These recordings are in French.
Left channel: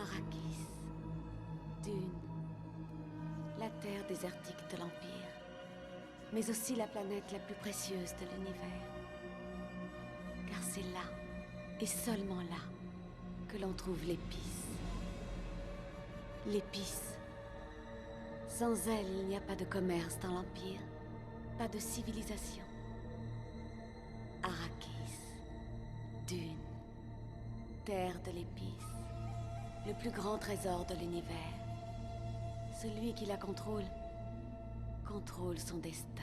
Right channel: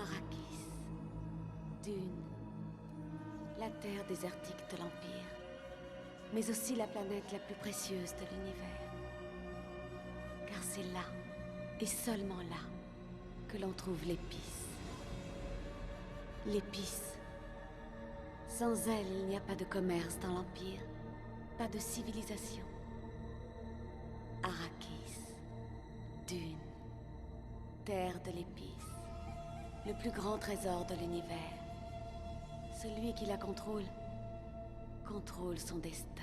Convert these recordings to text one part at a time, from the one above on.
Arrakis. Dune. La terre désertique de l'Empire. Mais aussi la planète la plus précieuse de l'univers. Car c'est là, et seulement là, que l'on trouve l'épice. L'épice. Sans elle, il n'y a pas de commerce dans l'Empire, pas de civilisation. Arrakis. Dune. Terre de l'épice. Le plus grand trésor de l'univers. Celui qui la contrôle son destin.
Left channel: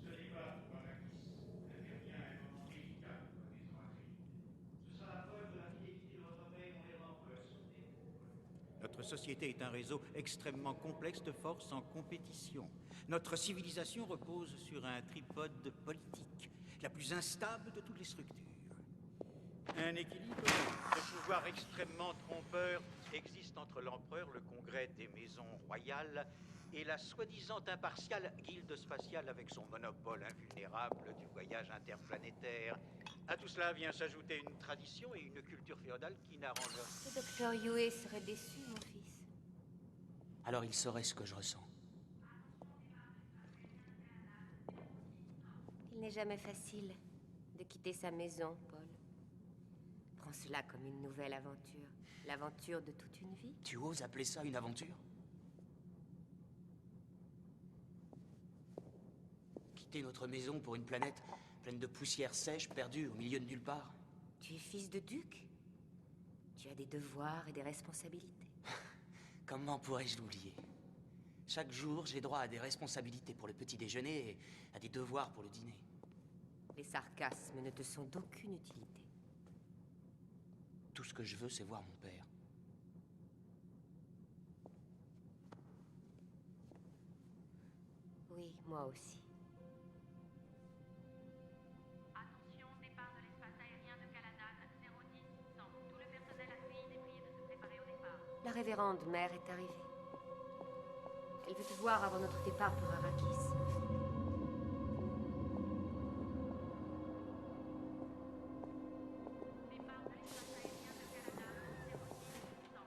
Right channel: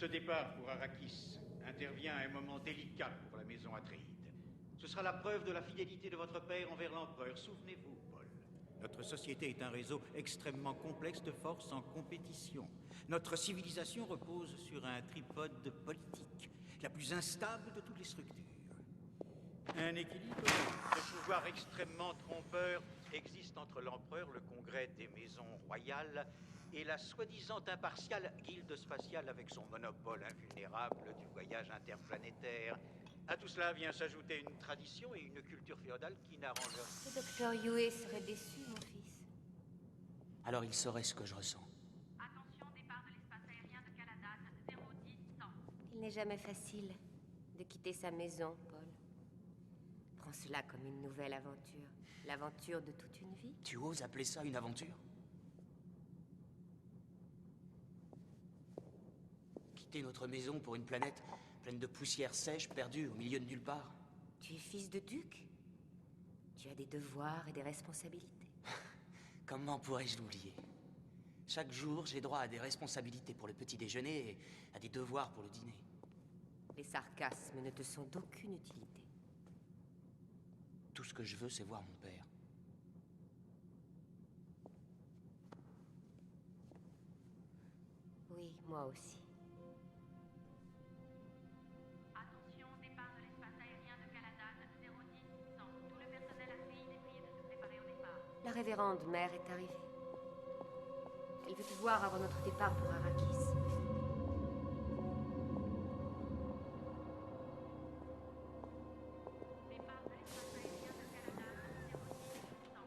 Ce départ pour Arrakis intervient à un moment délicat pour la maison Atréide. Ce sera la preuve de la fidélité de votre père envers l'empereur. Souvenez-vous, Paul. Notre société est un réseau extrêmement complexe de forces en compétition. Notre civilisation repose sur un tripode politique, la plus instable de toutes les structures. Un équilibre de pouvoir extrêmement trompeur existe entre l'empereur, le congrès des maisons royales et la soi-disant impartiale guilde spatiale avec son monopole invulnérable du voyage interplanétaire. À tout cela vient s'ajouter une tradition et une culture féodale qui n'arrangent... Le docteur Yue serait déçu, mon fils. Alors il saurait ce que je ressens. Attention, départ de l'espace aérien de Caladan, 010-100. Il n'est jamais facile de quitter sa maison, Paul. Prends cela comme une nouvelle aventure. L'aventure de toute une vie. Tu oses appeler ça une aventure? Quitter notre maison pour une planète pleine de poussière sèche, perdue au milieu de nulle part. Tu es fils de duc. Tu as des devoirs et des responsabilités. Comment pourrais-je l'oublier? Chaque jour, j'ai droit à des responsabilités pour le petit déjeuner et à des devoirs pour le dîner. Les sarcasmes ne te sont d'aucune utilité. Tout ce que je veux, c'est voir mon père. Oui, moi aussi. Attention, départ de l'espace aérien de Caladan, 010-100. Tout le personnel Atréide est prié de se préparer au départ. La révérende mère est arrivée. Elle veut te voir avant notre départ pour Arrakis. Départ de l'espace aérien de Caladan, 010-100.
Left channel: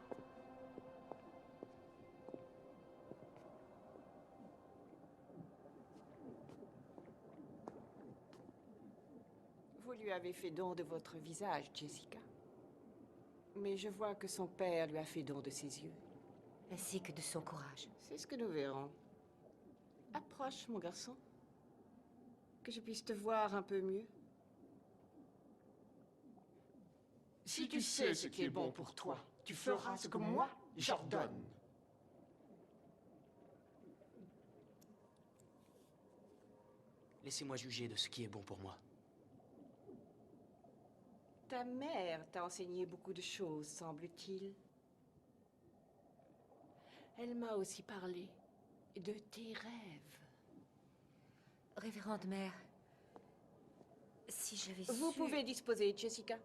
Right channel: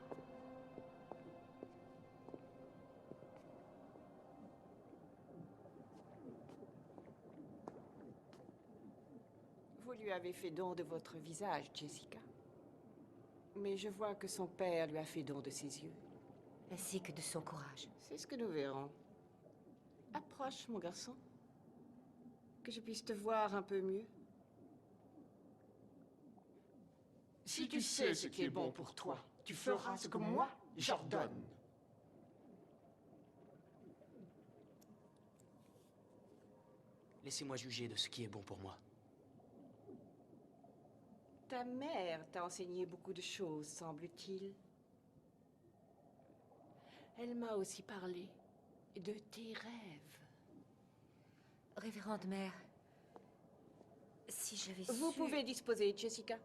Vous lui avez fait don de votre visage, Jessica. Mais je vois que son père lui a fait don de ses yeux. Ainsi que de son courage. C'est ce que nous verrons. Approche, mon garçon. Que je puisse te voir un peu mieux. Si tu sais ce qui est bon pour toi, tu feras ce que moi, j'ordonne. Laissez-moi juger de ce qui est bon pour moi. Ta mère t'a enseigné beaucoup de choses, semble-t-il. Elle m'a aussi parlé de tes rêves. Révérende mère, si j'avais su... Vous pouvez disposer, Jessica.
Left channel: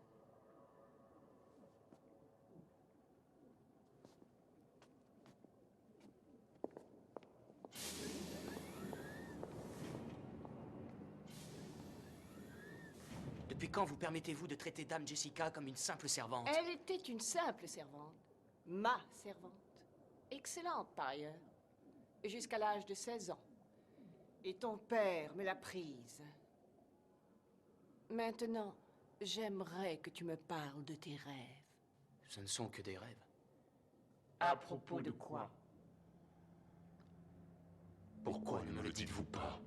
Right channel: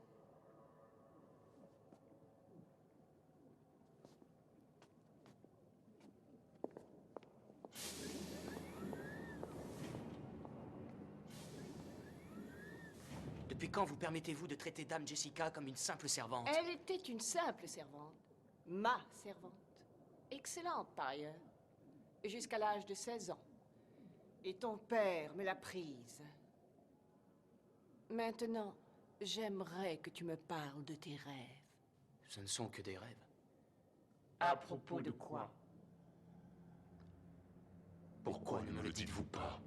Depuis quand vous permettez-vous de traiter Dame Jessica comme une simple servante? Elle était une simple servante. Ma servante. Excellente, par ailleurs. Jusqu'à l'âge de 16 ans. Et ton père me l'a prise. Maintenant, j'aimerais que tu me parles de tes rêves. Ce ne sont que des rêves. À propos de quoi? Pourquoi ne me le dites-vous pas?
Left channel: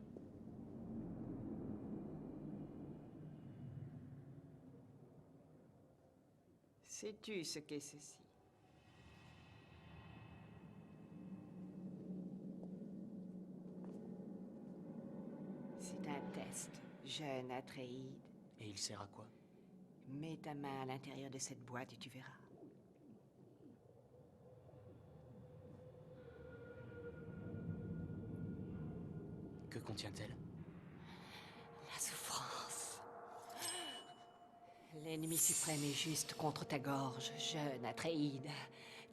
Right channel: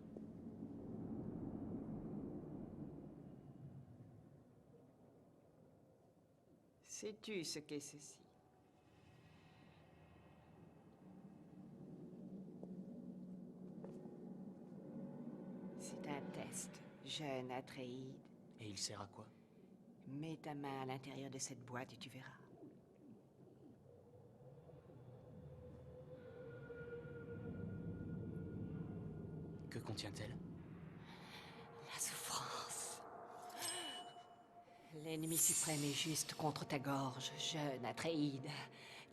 Sais-tu ce qu'est ceci? C'est test, jeune Atréide. Et il sert à quoi? Mets ta main à l'intérieur de cette boîte et tu verras. Que contient-elle? La souffrance. L'ennemi suprême est juste contre ta gorge, jeune Atréide.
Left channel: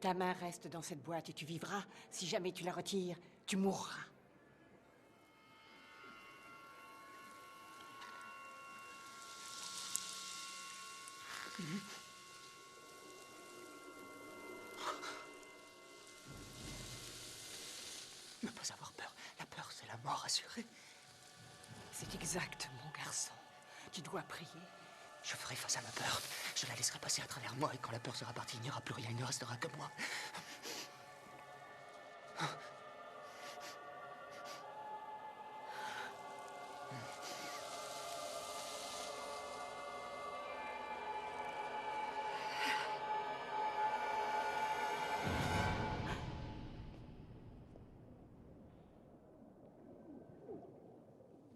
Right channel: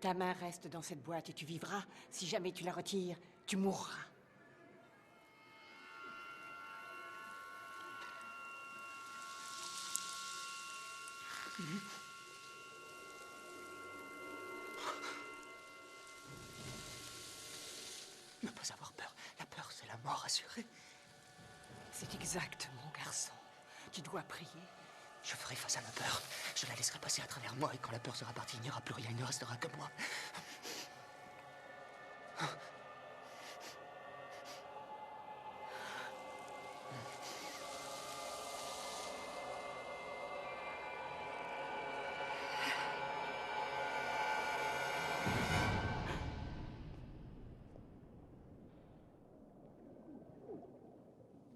Ta main reste dans cette boîte et tu vivras. Si jamais tu la retires, tu mourras. Ne pas avoir peur. La peur, c'est la mort assurée. C'est exact, mon garçon. Tu dois prier. Je ferai face à ma peur. Je la laisserai passer à travers moi et quand la peur sera partie, il n'y aura plus rien. Il ne restera que moi.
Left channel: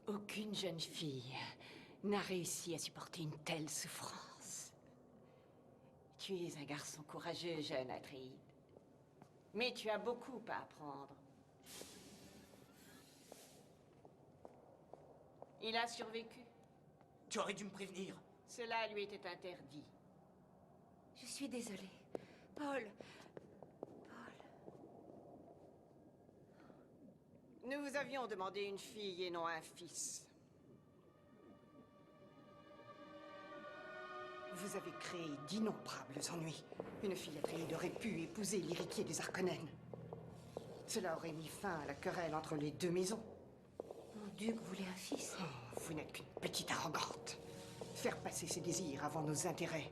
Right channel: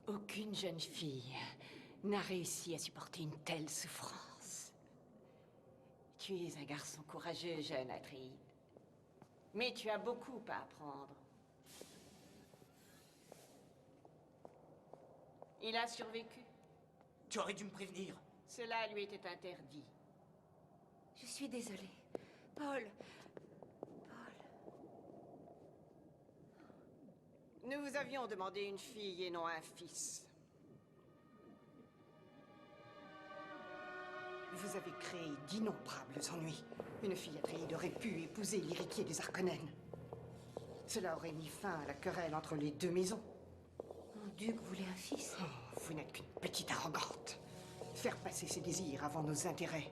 Aucune jeune fille n'a réussi à supporter une telle souffrance. Tu es un garçon courageux, jeune Atréide. Mais tu as beaucoup à apprendre. Il a survécu. Tu aurais dû me prévenir. Cela lui était interdit. Je suis désolée. Paul. Nous vous avions demandé une fille et non un fils. Vous avez créé d'innombrables ennuis. Une fille Atréide aurait pu épouser l'héritier des Harkonnen. Cela aurait mis fin à la querelle entre les deux maisons. Mon duc voulait un fils. Oh, vous n'êtes qu'une petite arrogante. Faire passer ses désirs avant nos intérêts.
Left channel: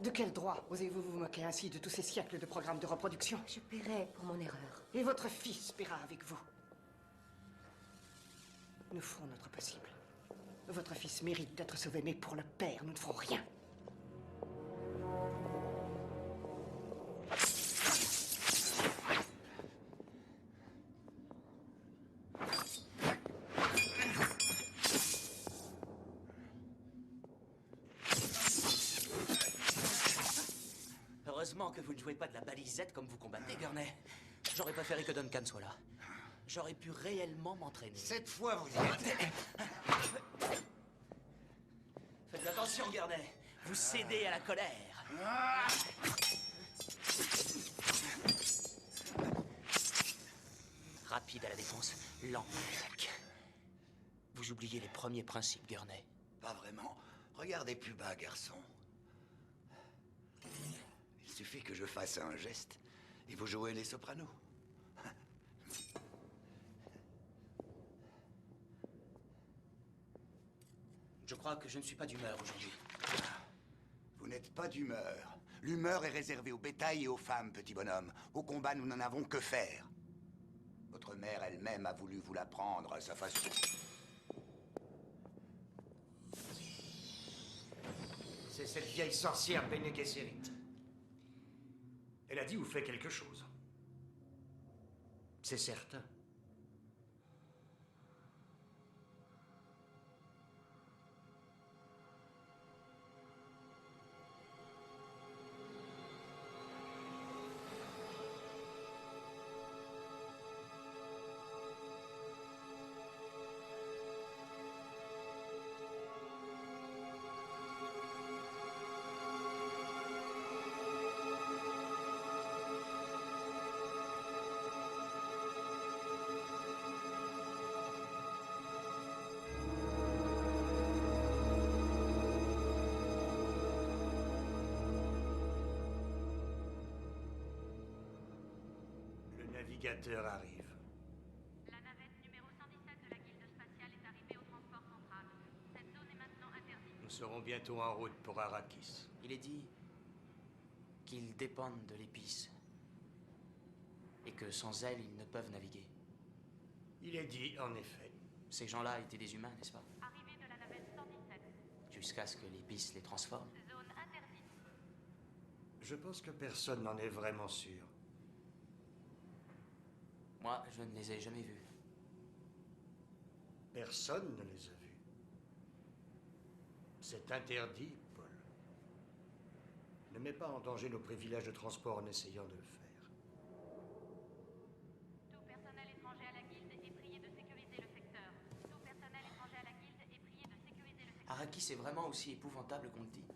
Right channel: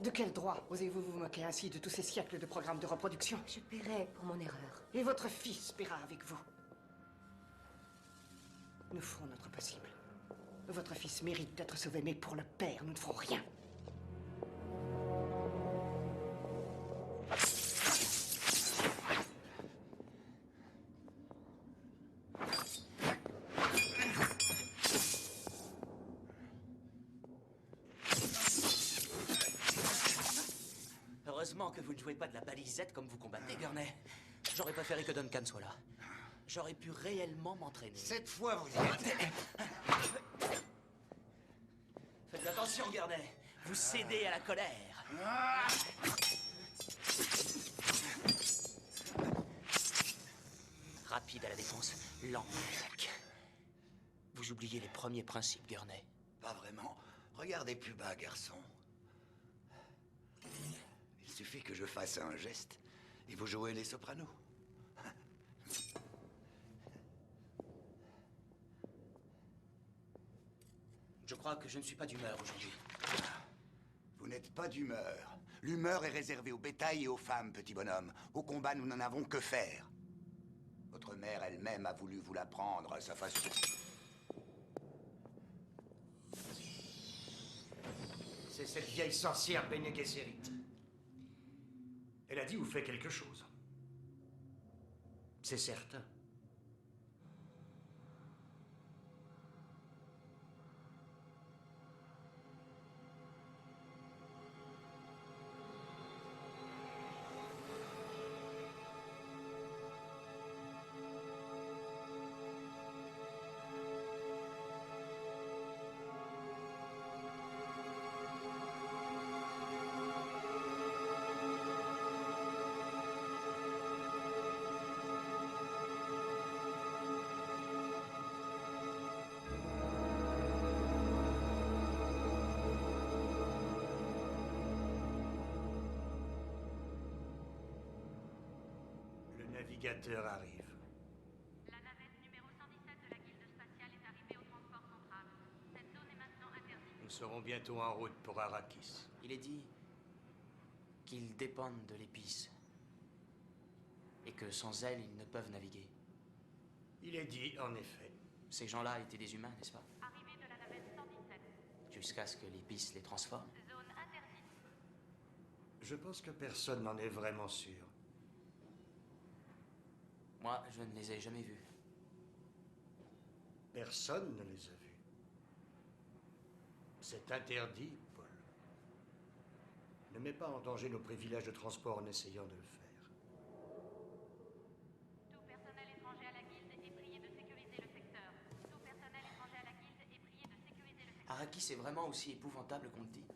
De quel droit osez-vous vous moquer ainsi de tous ces siècles de programmes de reproduction? Je paierai pour mon erreur. Et votre fils paiera avec vous. Nous ferons notre possible. Votre fils mérite d'être sauvé, mais pour le père, nous ne ferons rien. Heureusement que vous ne jouez pas de la balisette comme vous combattez, Gurney. J'aurais préféré que Duncan soit là. J'aurais pu réellement m'entraîner. Cette fois, vous y êtes. Faites attention, Gurney. Vous cédez à la colère. Rapide à la défense, lent à l'attaque. Vous oubliez les premiers principes, Gurney. Pas vraiment. Regardez plus bas, garçon. Il suffit que je fasse un geste et vous jouez les sopranos. Je crois que je ne suis pas d'humeur aujourd'hui. Vous n'êtes pas d'humeur. L'humeur est réservée au bétail et aux femmes, petit bonhomme. Au combat, nous n'en avons que faire. Votre mère elle-même a voulu vous l'apprendre à sa façon. C'est cette vieille sorcière Bene Gesserit. Elle a dit ou fait quelque chose. C'est certain. Le navigateur arrive. La navette numéro 117 de la guilde spatiale est arrivée au transport central. Cette zone est maintenant interdite. Nous serons bientôt en route pour Arrakis. Il est dit qu'ils dépendent de l'épice. Et que sans elle, ils ne peuvent naviguer. Il est dit, en effet. Ces gens-là étaient des humains, n'est-ce pas? Arrivée de la navette 117. Jusqu'à ce que l'épice les transforme. Zone interdite. Je pense que personne n'en est vraiment sûr. Moi, je ne les ai jamais vus. Personne ne les a vus. C'est interdit, Paul. Ne mets pas en danger nos privilèges de transport en essayant de le faire. Tout personnel étranger à la guilde est prié de sécuriser le secteur. Tout personnel étranger à la guilde est prié de sécuriser le secteur. Arrakis est vraiment aussi épouvantable qu'on le dit.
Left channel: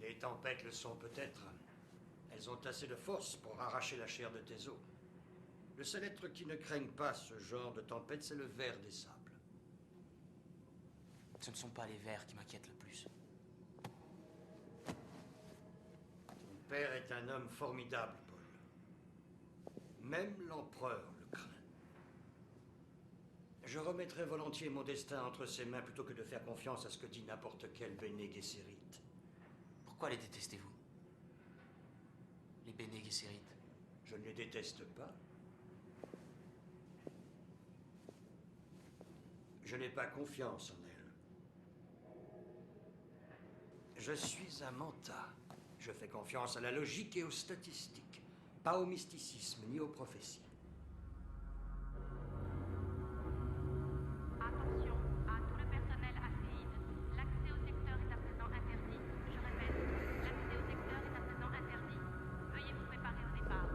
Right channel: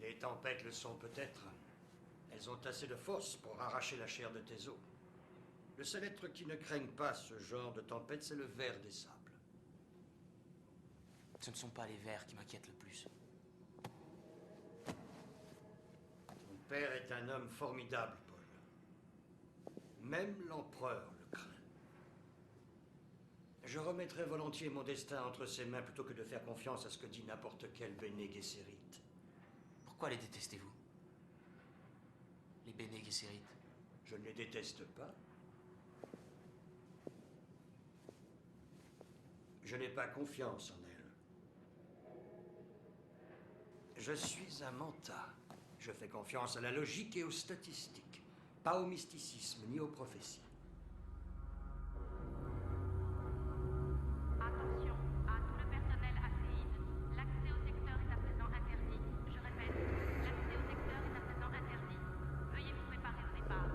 Les tempêtes le sont peut-être. Elles ont assez de force pour arracher la chair de tes os. Le seul être qui ne craigne pas ce genre de tempête, c'est le ver des sables. Ce ne sont pas les vers qui m'inquiètent le plus. Ton père est un homme formidable, Paul. Même l'empereur le craint. Je remettrais volontiers mon destin entre ses mains plutôt que de faire confiance à ce que dit n'importe quel Bene Gesserit. Pourquoi les détestez-vous? Les Bene Gesserit. Je ne les déteste pas. Je n'ai pas confiance en elles. Je suis un Manta. Je fais confiance à la logique et aux statistiques, pas au mysticisme ni aux prophéties. Attention à tout le personnel Atréide. L'accès au secteur est à présent interdit. Je répète, l'accès au secteur est à présent interdit. Veuillez vous préparer au départ.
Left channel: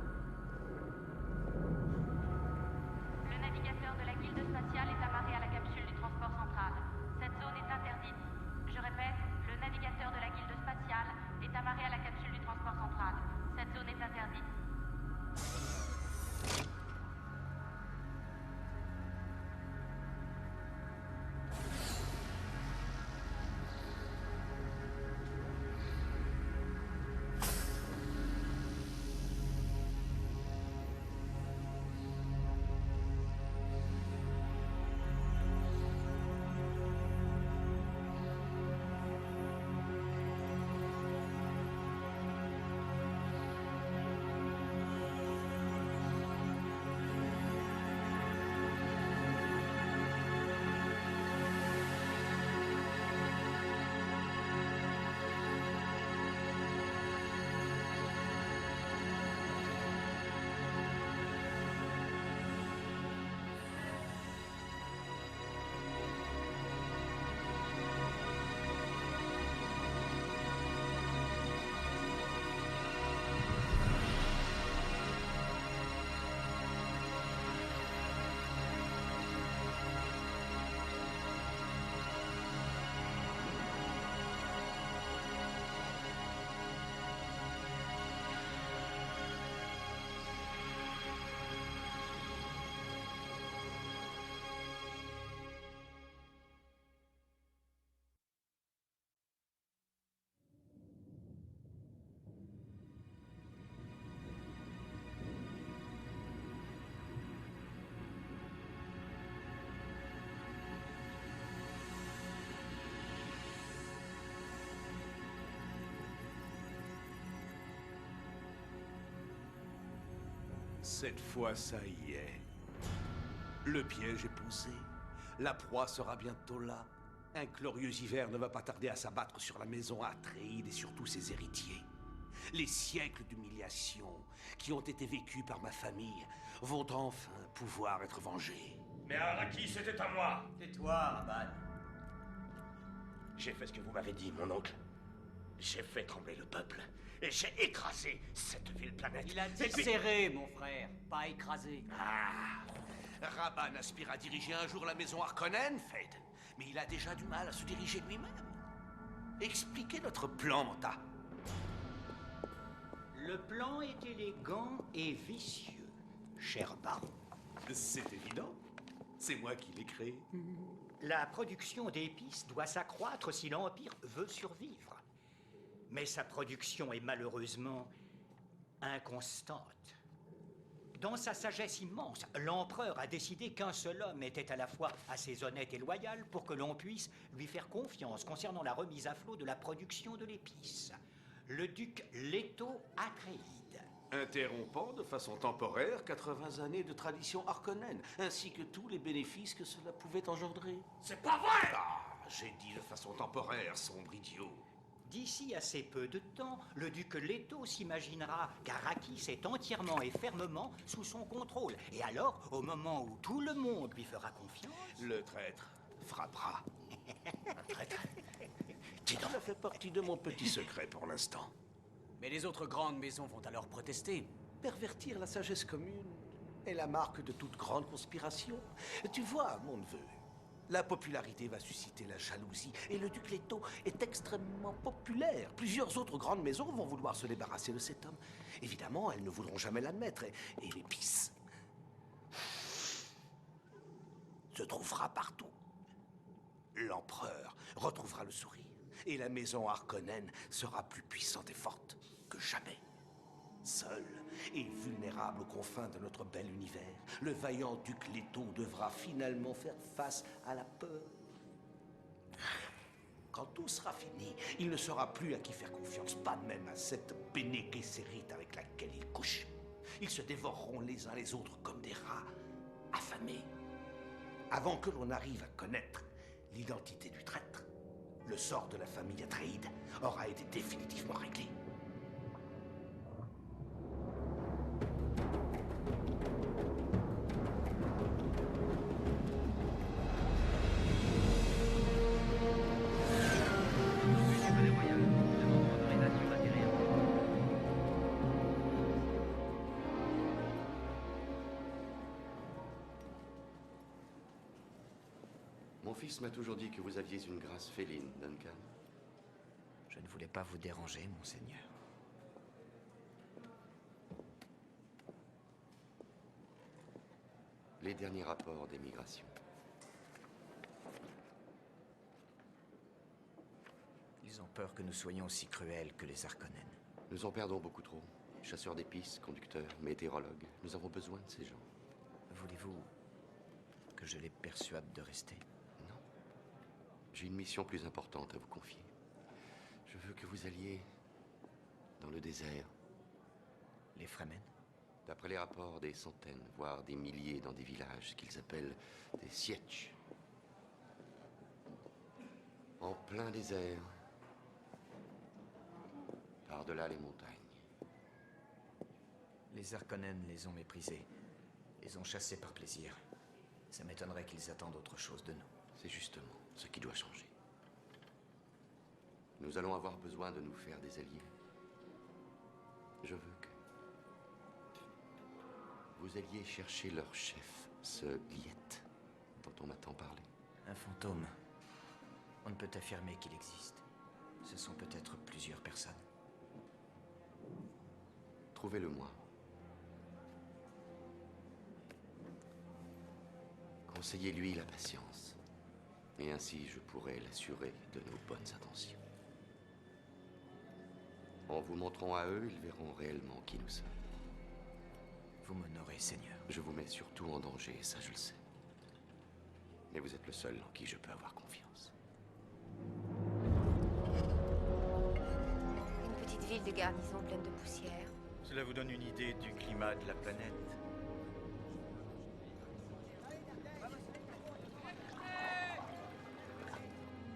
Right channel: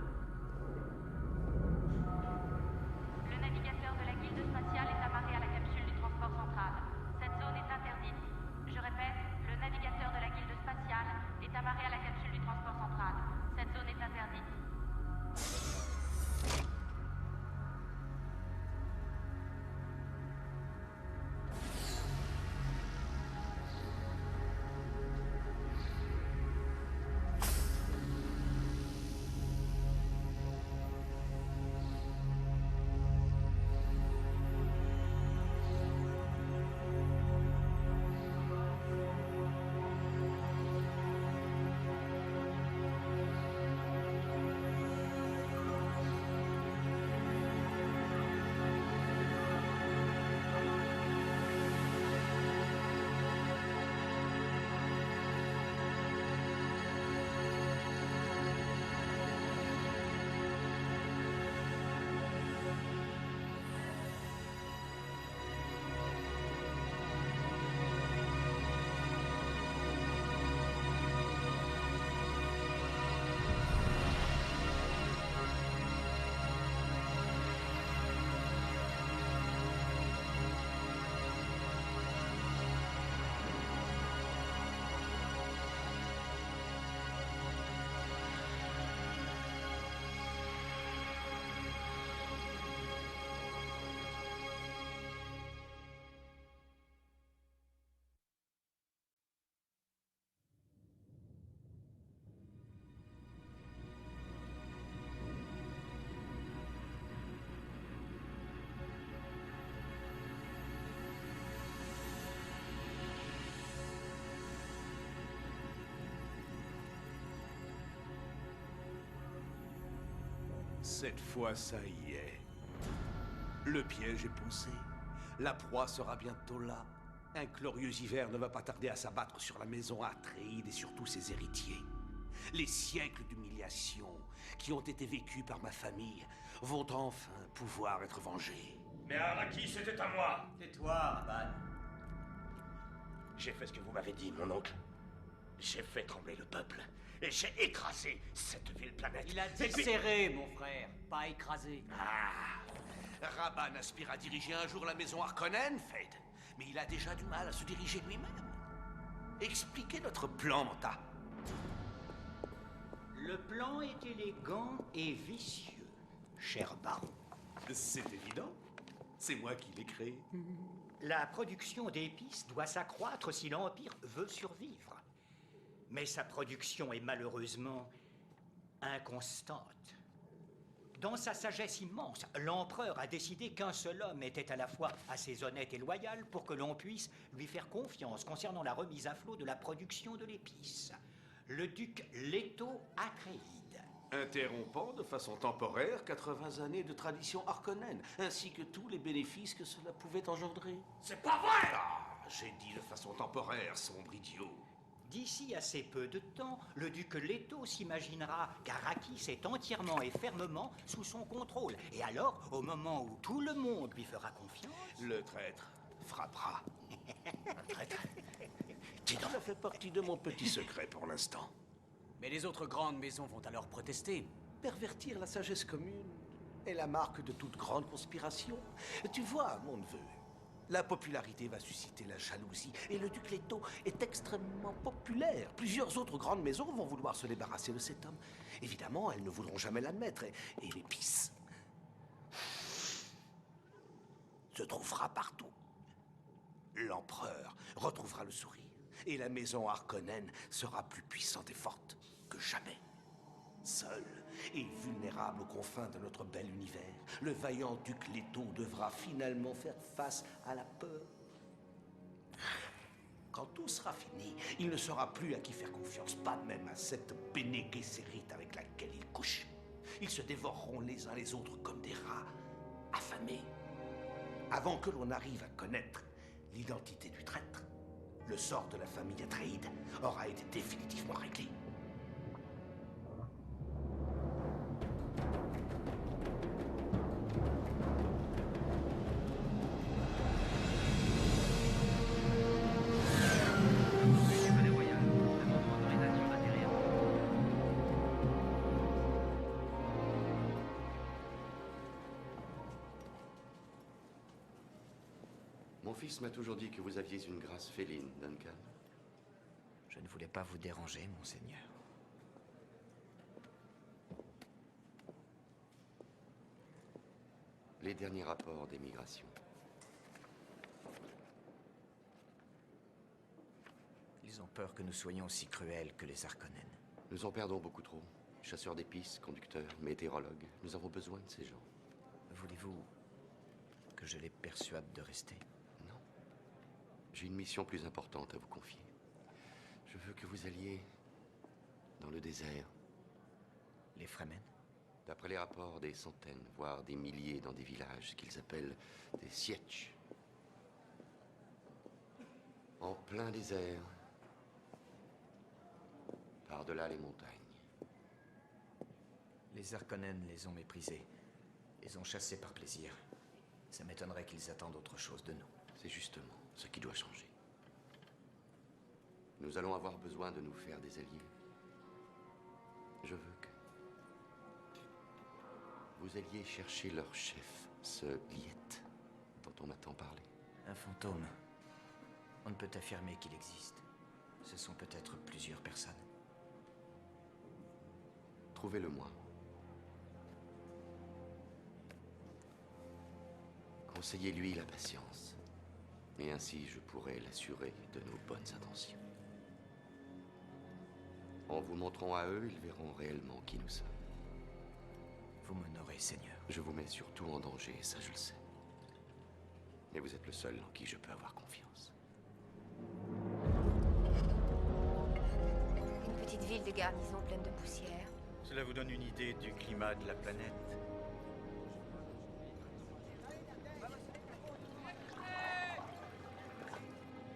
Le navigateur de la guilde spatiale est amarré à la capsule du transport central. Cette zone est interdite. Je répète, le navigateur de la guilde spatiale est amarré à la capsule du transport central. Cette zone est interdite. Cette fois, ça y est. Le piège est posé. La proie sera bientôt là. Un glorieux hiver ne va pas tarder à s'abattre sur la maison Atréide et sur tous ses héritiers. Les siècles d'humiliation qui ont été vécus par ma famille vont enfin pouvoir être vengés. Mais Arrakis, c'était à moi. Tais-toi, Rabban. J'ai fait ce que vous m'avez dit, mon oncle. J'ai fait trembler le peuple. Et j'ai écrasé cette ville planète. Il a desserré, mon frère, pas écrasé. Ah, Rabban aspire à diriger un jour la maison Harkonnen, Fed. Mais il a déjà du mal à se diriger lui-même. Expliquez notre plan, Manta. Le plan est élégant et vicieux, cher baron. C'est évident. C'est moi qui l'ai créé. La production d'épices doit s'accroître si l'Empire veut survivre. Mais sa production est malheureusement inconstante. Dans sa sagesse immense, l'empereur a décidé qu'un seul homme était à la fois assez honnête et loyal pour que l'on puisse lui faire confiance concernant la remise à flot de la production de l'épice. Le duc Leto Atréide. Interrompant de façon temporaire 80 années de tradition Harkonnen, ainsi que tous les bénéfices que cela pouvait engendrer. C'est pas vrai! Ah, j'ai dit de façon temporaire, sombre idiot. D'ici assez peu de temps, le duc Leto s'imaginera qu'Arrakis est entièrement et fermement sous son contrôle. Et alors, au moment où tout le monde lui fera confiance... Le traître frappera. Un traître. Cela fait partie de mon petit secret pour l'instant. Mais les autres grandes maisons vont alors protester. Pervertir la sagesse commune est la marque de toute grande conspiration. Tu vois, mon neveu, la popularité va susciter la jalousie, et le duc Leto est extrêmement populaire. Plusieurs autres grandes maisons vont vouloir se débarrasser de cet homme. Évidemment, elles ne voudront jamais l'admettre, et l'épice se trouvera partout. L'empereur retrouvera le sourire, et la maison Harkonnen sera plus puissante et forte que jamais. Seul et vulnérable aux confins de notre bel univers, le vaillant duc Leto devra finalement faire face à la peur. Quand tout sera fini, il ne saura plus à qui faire confiance, pas même à cette Bene Gesserit avec laquelle il couche. Ils se dévoreront les uns les autres comme des rats affamés. Avant que l'on arrive à connaître l'identité du traître, le sort de la famille Atréide aura été définitivement réglé. Mon fils m'a toujours dit que vous aviez une grâce féline, Duncan. Je ne voulais pas vous déranger, monseigneur. Les derniers rapports d'émigration. Ils ont peur que nous soyons aussi cruels que les Harkonnen. Nous en perdons beaucoup trop. Chasseurs d'épices, conducteurs, météorologues. Nous avons besoin de ces gens. Voulez-vous que je les persuade de rester? Non. J'ai une mission plus importante à vous confier. Je veux que vous alliez dans le désert. Les Fremen? D'après les rapports, des centaines, voire des milliers dans des villages qu'ils appellent des sietch. En plein désert. Par-delà les montagnes. Les Harkonnen les ont méprisés. Les ont chassés par plaisir. Ça m'étonnerait qu'ils attendent autre chose de nous. C'est justement ce qui doit changer. Nous allons avoir besoin de nous faire des alliés. Je veux que vous alliez chercher leur chef, ce Liet, dont on m'a tant parlé. Un fantôme. On ne peut affirmer qu'il existe. Ce sont peut-être plusieurs personnes. Trouvez-le-moi. Conseillez-lui la patience. Et ainsi, je pourrai l'assurer de nos bonnes intentions. En vous montrant à eux, ils verront réellement qui nous sommes. Vous m'honorez, Seigneur. Je vous mets surtout en danger, ça je le sais. Mais vous êtes le seul en qui je peux avoir confiance. Une petite ville de garnison pleine de poussière. Cela vous donne une idée du climat de la planète.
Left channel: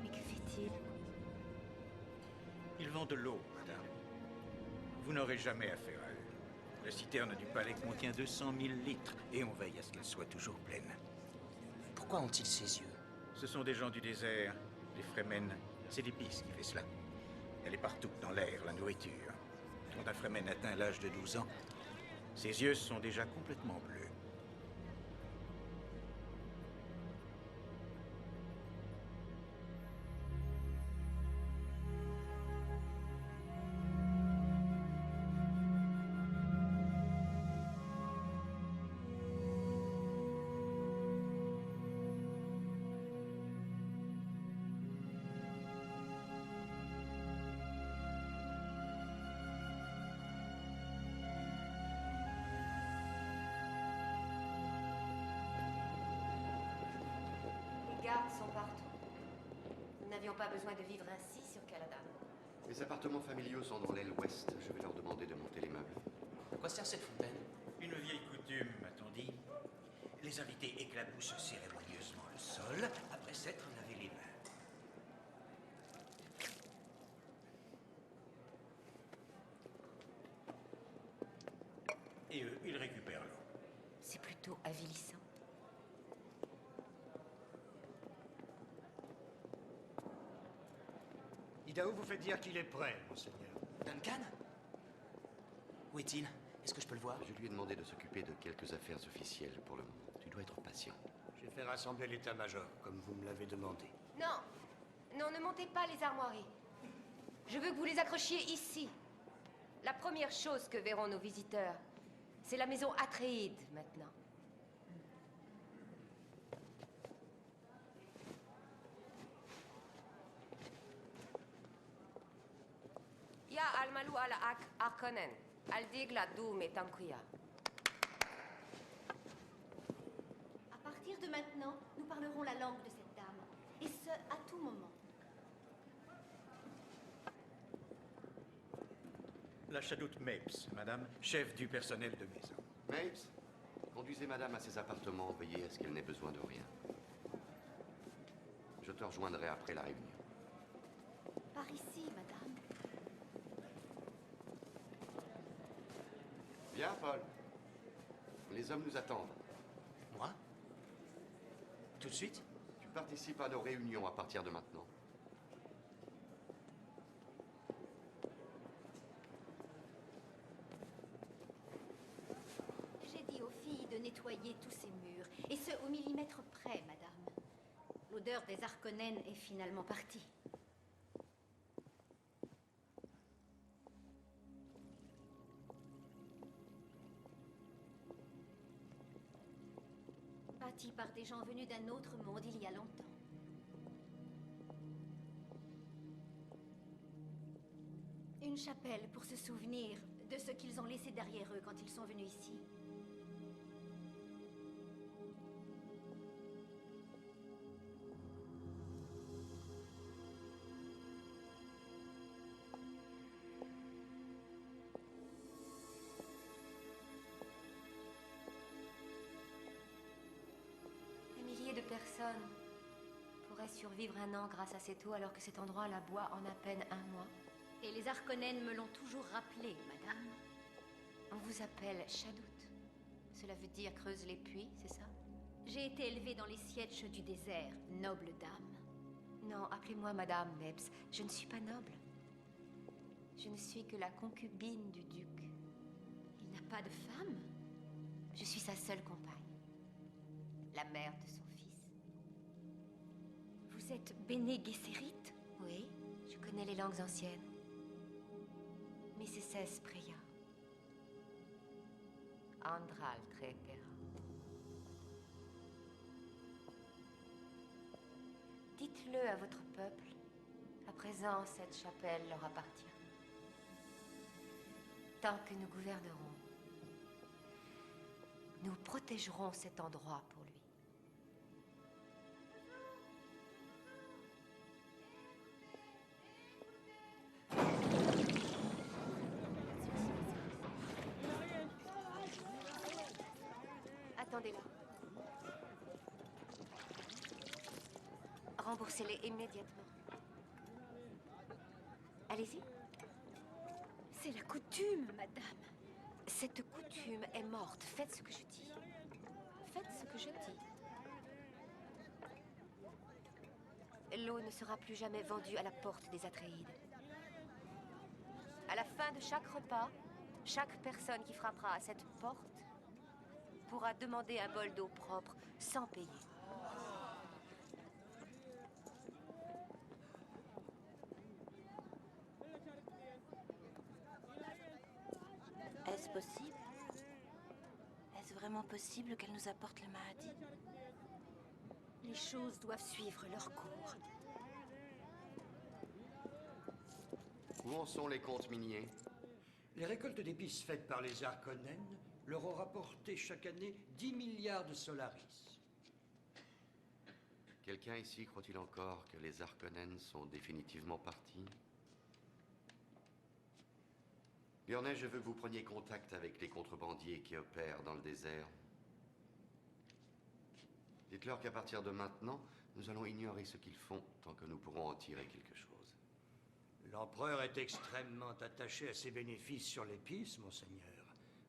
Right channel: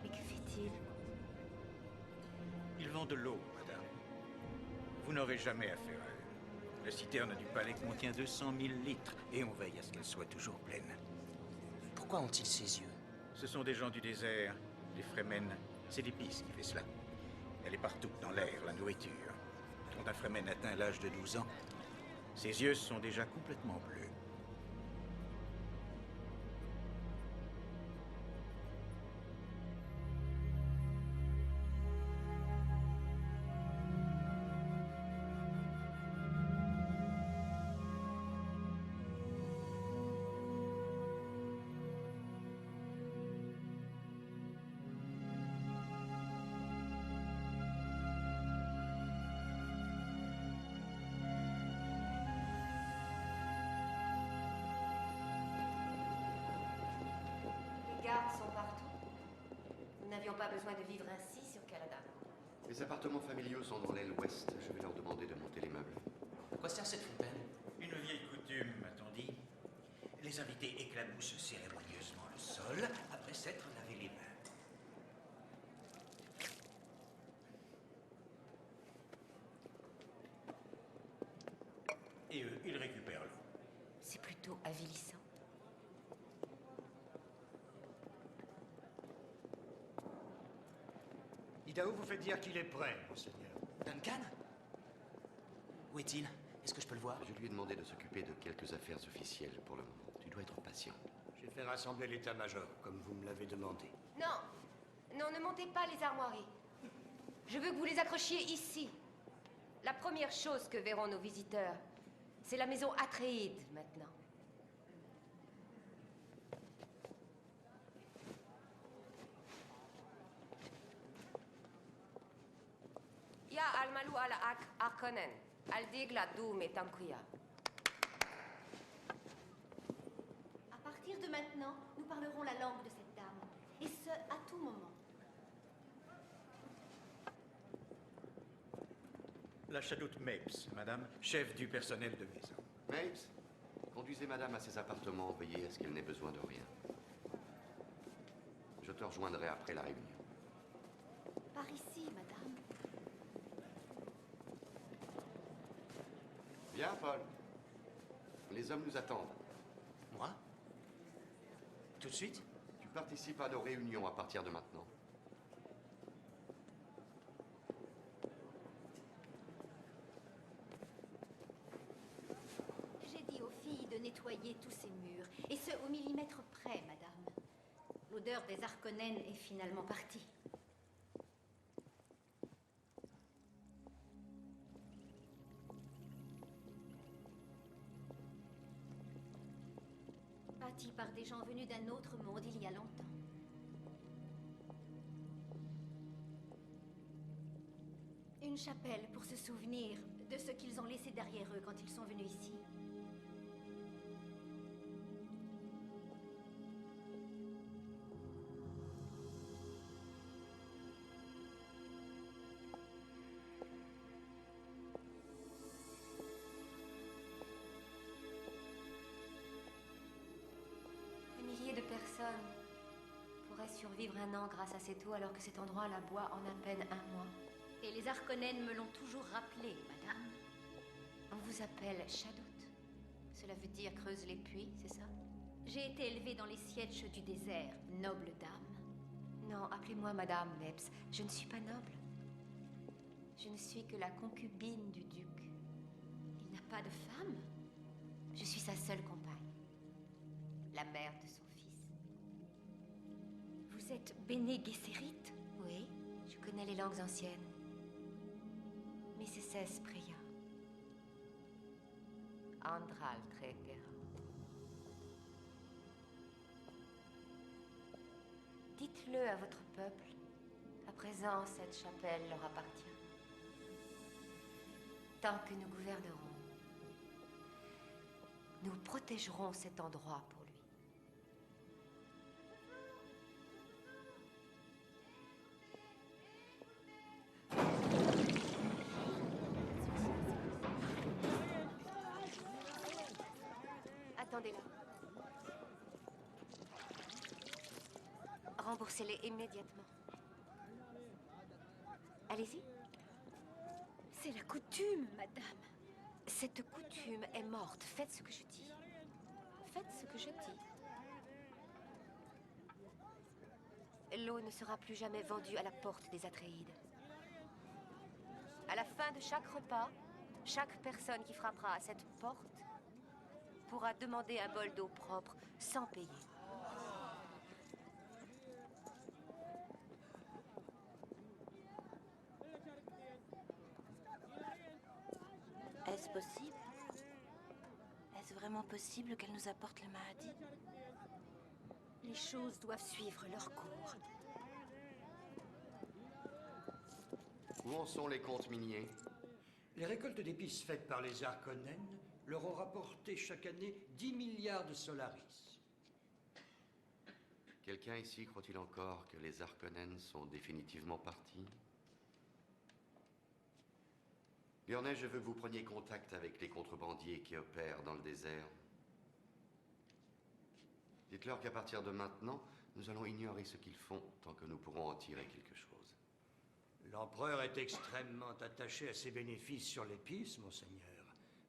Mais que fait-il? Ils vendent de l'eau, madame. Vous n'aurez jamais affaire à eux. La citerne du palais contient 200 000 litres et on veille à ce qu'elle soit toujours pleine. Pourquoi ont-ils ces yeux? Ce sont des gens du désert, les Fremen. C'est l'épice qui fait cela. Elle est partout, dans l'air, la nourriture. Quand un Fremen atteint l'âge de 12 ans, ses yeux sont déjà complètement bleus. Les gardes sont partout. Nous n'avions pas besoin de vivre ainsi sur Caladan. Les appartements familiaux sont dans l'aile ouest. Je vais leur demander de monter les meubles. À quoi sert cette fontaine? Une vieille coutume, m'a-t-on dit. Les invités éclaboussent cérémonieusement le sol après s'être lavé les mains. Et eux, ils récupèrent l'eau. C'est plutôt avilissant. Idaho vous fait dire qu'il est prêt, monseigneur. Duncan? Où est-il? Est-ce que je peux le voir? Je lui ai demandé de s'occuper de quelques affaires officielles pour le moment. Tu dois être patient. J'ai fait rassembler l'état-major, comme vous me l'avez demandé. Non, non, ne montez pas les armoiries. Je veux que vous les accrochiez ici. La première chose que verront nos visiteurs, c'est la maison Atréide, maintenant. Ya al-malu al-ak Harkonnen, al-dig la doum et tankuya. À partir de maintenant, nous parlerons la langue de cette dame. Et ce, à tout moment. La chadoute Mapes, madame, chef du personnel de maison. Mapes, conduisez madame à ses appartements, veillez à ce qu'elle n'ait besoin de rien. Je te rejoindrai après la réunion. Par ici, madame. Bien, Paul. Les hommes nous attendent. Moi? Tout de suite? Tu participes à nos réunions à partir de maintenant. J'ai dit aux filles de nettoyer tous ces murs. Et ce, au millimètre près, madame. L'odeur des Harkonnen est finalement partie. Bâti par des gens venus d'un autre monde il y a longtemps. Une chapelle pour se souvenir de ce qu'ils ont laissé derrière eux quand ils sont venus ici. Des milliers de personnes pourraient survivre un an grâce à cette eau alors que cet endroit la boit en à peine un mois. Et les Harkonnen me l'ont toujours rappelé, madame. On vous appelle Chadoute. Cela veut dire creuse les puits, c'est ça? J'ai été élevée dans les sièges du désert, noble dame. Non, appelez-moi Madame Mapes. Je ne suis pas noble. Je ne suis que la concubine du duc. Il n'a pas de femme? Je suis sa seule compagne. La mère de son fils. Vous êtes Bene Gesserit? Oui, je connais les langues anciennes. Mrs. Preya. Andral Trepera. Dites-le à votre peuple. À présent, cette chapelle leur appartient. Tant que nous gouvernerons, nous protégerons cet endroit pour lui. Attendez-la. Remboursez-les immédiatement. Allez-y. C'est la coutume, madame. Cette coutume est morte. Faites ce que je dis. Faites ce que je dis. L'eau ne sera plus jamais vendue à la porte des Atréides. À la fin de chaque repas, chaque personne qui frappera à cette porte pourra demander un bol d'eau propre sans payer. Est-ce possible? Est-ce vraiment possible qu'elle nous apporte le Mahdi? Les choses doivent suivre leur cours. Où en sont les comptes miniers? Les récoltes d'épices faites par les Harkonnen leur ont rapporté chaque année 10 milliards de solaris. Quelqu'un ici croit-il encore que les Harkonnen sont définitivement partis? Bjornet, je veux que vous preniez contact avec les contrebandiers qui opèrent dans le désert. Dites-leur qu'à partir de maintenant, nous allons ignorer ce qu'ils font tant que nous pourrons en tirer quelque chose. L'empereur est extrêmement attaché à ses bénéfices sur l'épice, monseigneur.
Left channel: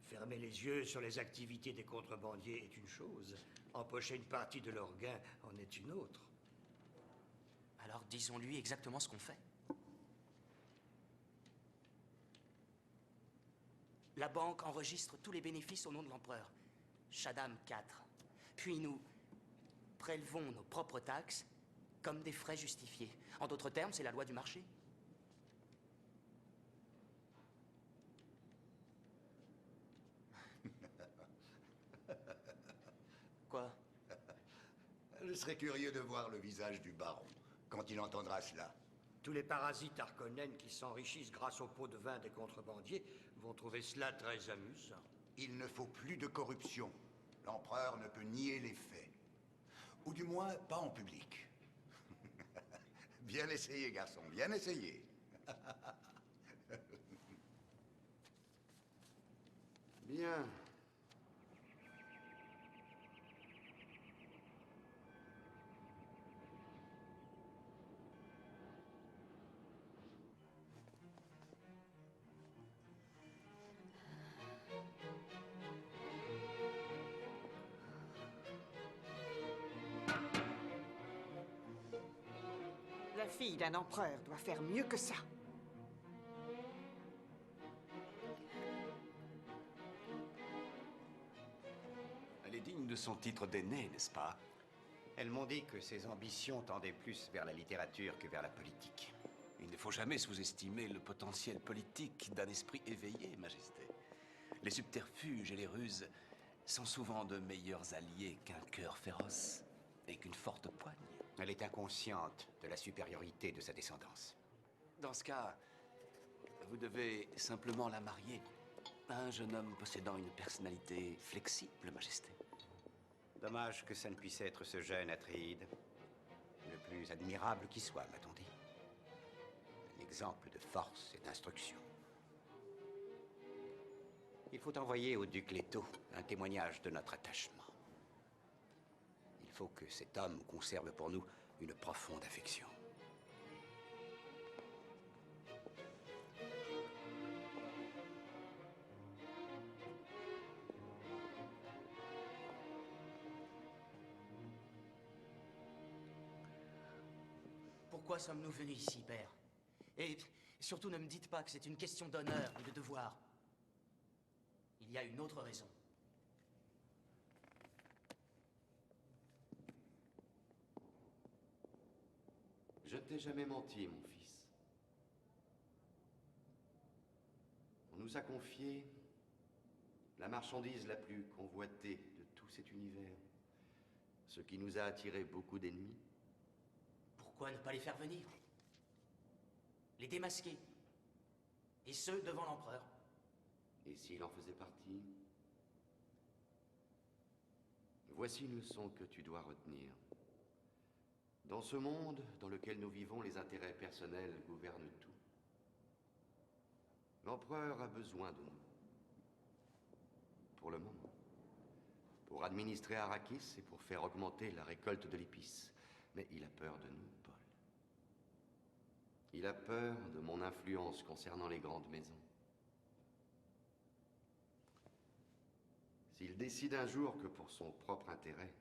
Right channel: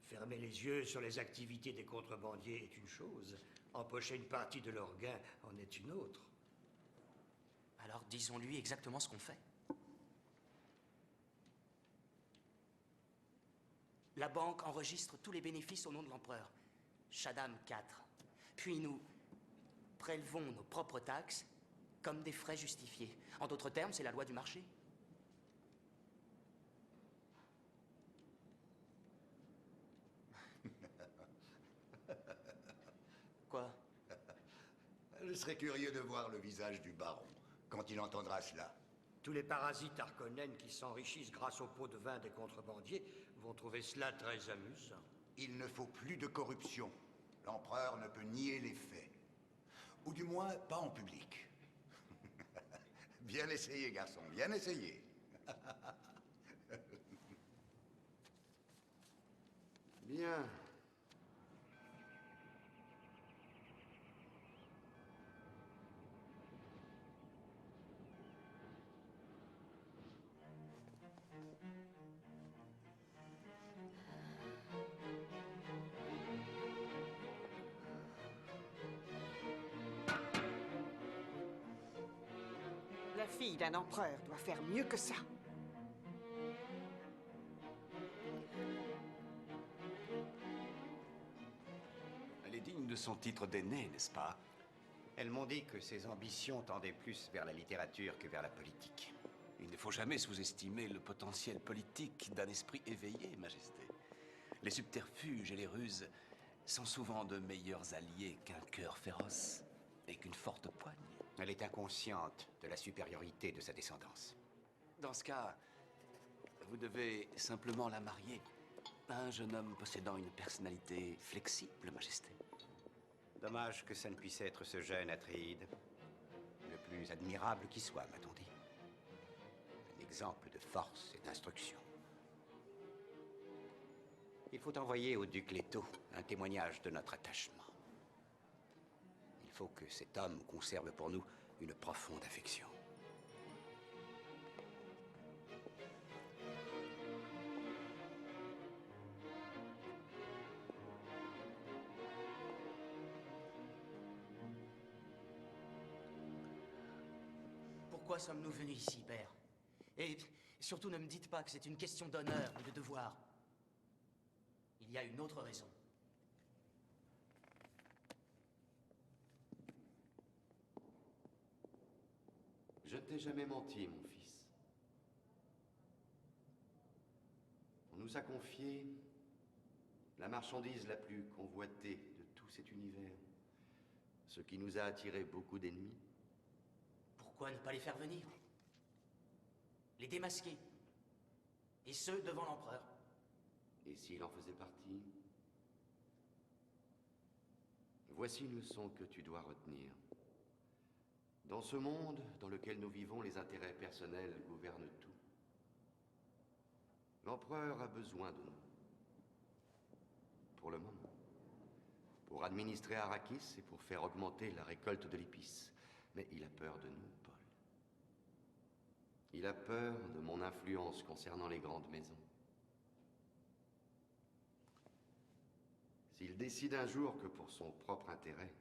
Fermer les yeux sur les activités des contrebandiers est une chose. Empocher une partie de leurs gains en est une autre. Alors disons-lui exactement ce qu'on fait. La banque enregistre tous les bénéfices au nom de l'empereur. Shaddam IV. Puis nous prélevons nos propres taxes comme des frais justifiés. En d'autres termes, c'est la loi du marché. Quoi? Je serais curieux de voir le visage du baron quand il entendra cela. Tous les parasites Harkonnen qui s'enrichissent grâce aux pots de vin des contrebandiers vont trouver cela très amusant. Il ne faut plus de corruption. L'empereur ne peut nier les faits. Ou du moins, pas en public. Bien essayé, garçon, bien essayé. Bien. La fille d'un empereur doit faire mieux que ça. Elle est digne de son titre d'aînée, n'est-ce pas? Elles m'ont dit que ses ambitions tendaient plus vers la littérature que vers la politique. Il ne faut jamais sous-estimer le potentiel politique d'un esprit éveillé, Majesté. Les subterfuges et les ruses sont souvent de meilleurs alliés qu'un cœur féroce et qu'une forte poigne. Elle est inconsciente de la supériorité de sa descendance. Dans ce cas, vous devez simplement la marier à un jeune homme possédant une personnalité flexible, Majesté. Dommage que ça ne puisse être ce jeune Atréide. Le plus admirable qui soit, m'a-t-on dit. Un exemple de force et d'instruction. Il faut envoyer au duc Leto un témoignage de notre attachement. Il faut que cet homme conserve pour nous une profonde affection. Pourquoi sommes-nous venus ici, père? Et surtout, ne me dites pas que c'est une question d'honneur ou de devoir. Il y a une autre raison. Je ne t'ai jamais menti, mon fils. On nous a confié la marchandise la plus convoitée de tout cet univers, ce qui nous a attiré beaucoup d'ennemis. Pourquoi ne pas les faire venir? Les démasquer. Et ce, devant l'empereur. Et s'il en faisait partie? Voici une leçon que tu dois retenir. Dans ce monde dans lequel nous vivons, les intérêts personnels gouvernent tout. L'empereur a besoin de nous. Pour le moment. Pour administrer Arrakis et pour faire augmenter la récolte de l'épice. Mais il a peur de nous, Paul. Il a peur de mon influence concernant les grandes maisons. S'il décide un jour que pour son propre intérêt,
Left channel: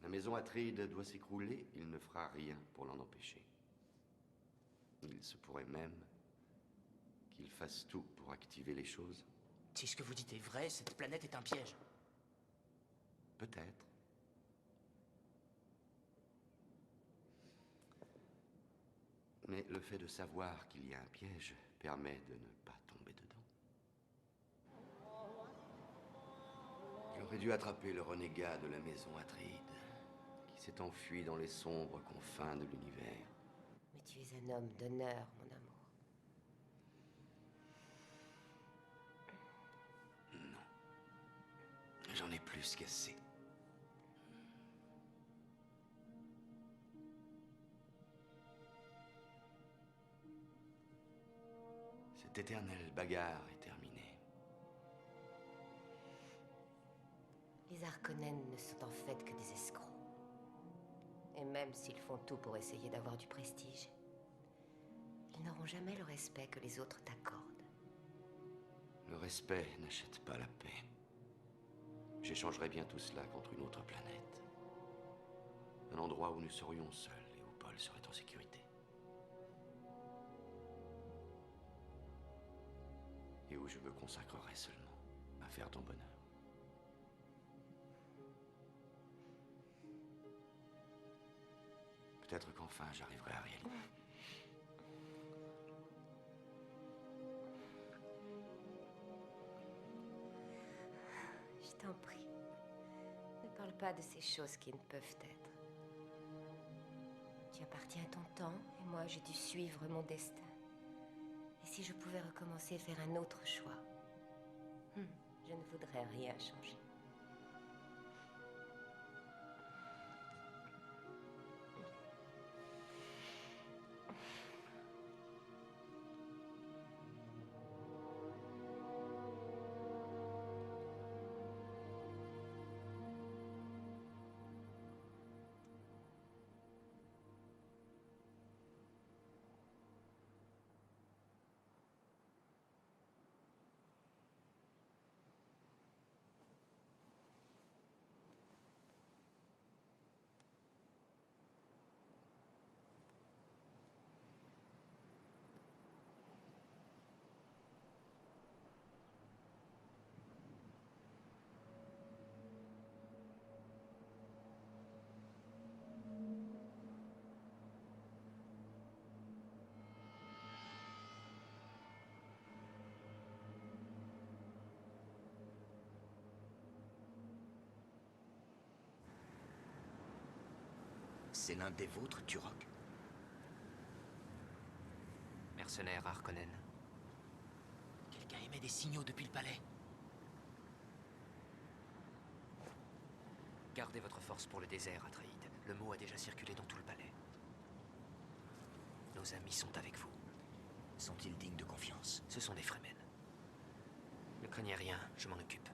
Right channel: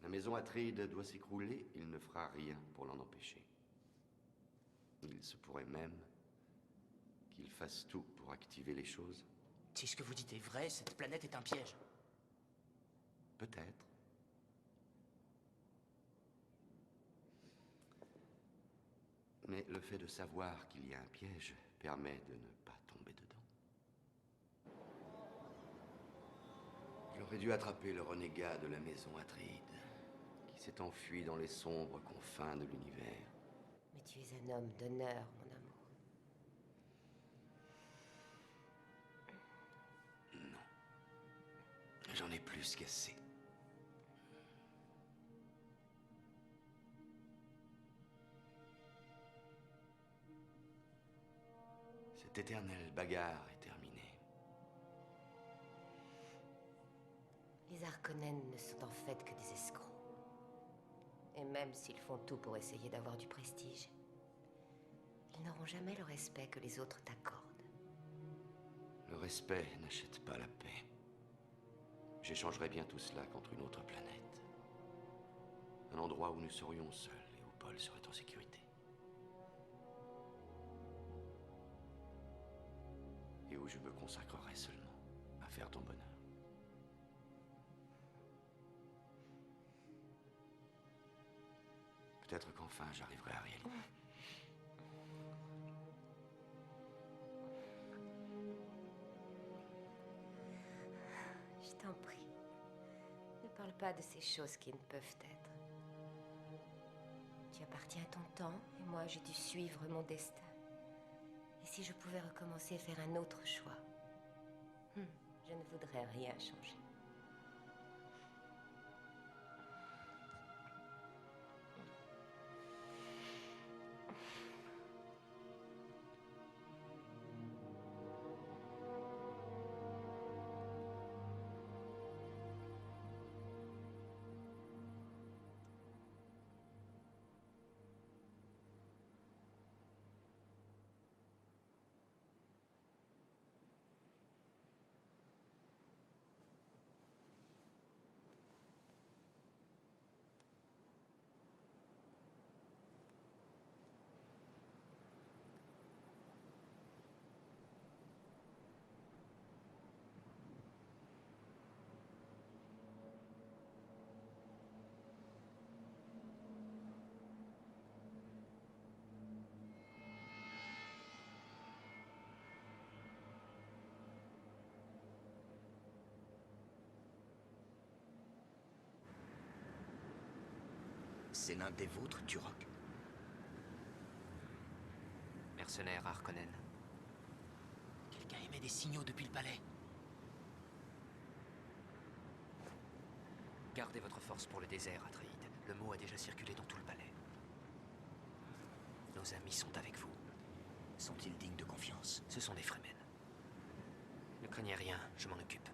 la maison Atréide doit s'écrouler, il ne fera rien pour l'en empêcher. Il se pourrait même qu'il fasse tout pour activer les choses. Si ce que vous dites est vrai, cette planète est un piège. Peut-être. Mais le fait de savoir qu'il y a un piège permet de ne pas tomber dedans. J'aurais dû attraper le renégat de la maison Atréide, qui s'est enfui dans les sombres confins de l'univers. Mais tu es un homme d'honneur, mon amour. Non. J'en ai plus qu'assez. Cette éternelle bagarre est terminée. Les Harkonnen ne sont en fait que des escrocs. Et même s'ils font tout pour essayer d'avoir du prestige, ils n'auront jamais le respect que les autres t'accordent. Le respect n'achète pas la paix. J'échangerai bien tout cela contre une autre planète. Un endroit où nous serions seuls et où Paul serait en sécurité. Et où où je me consacrerai seulement à faire ton bonheur. Peut-être qu'enfin j'arriverai à réaliser. Je t'en prie. Ne parle pas de ces choses qui ne peuvent être. Tu appartiens à ton temps, et moi j'ai dû suivre mon destin. Et si je pouvais recommencer et faire un autre choix, je ne voudrais rien changer. C'est l'un des vôtres, Turok? Mercenaire Harkonnen. Quelqu'un émet des signaux depuis le palais. Gardez votre force pour le désert, Atreide. Le mot a déjà circulé dans tout le palais. Nos amis sont avec vous. Sont-ils dignes de confiance? Ce sont des Fremen. Ne craignez rien, je m'en occupe.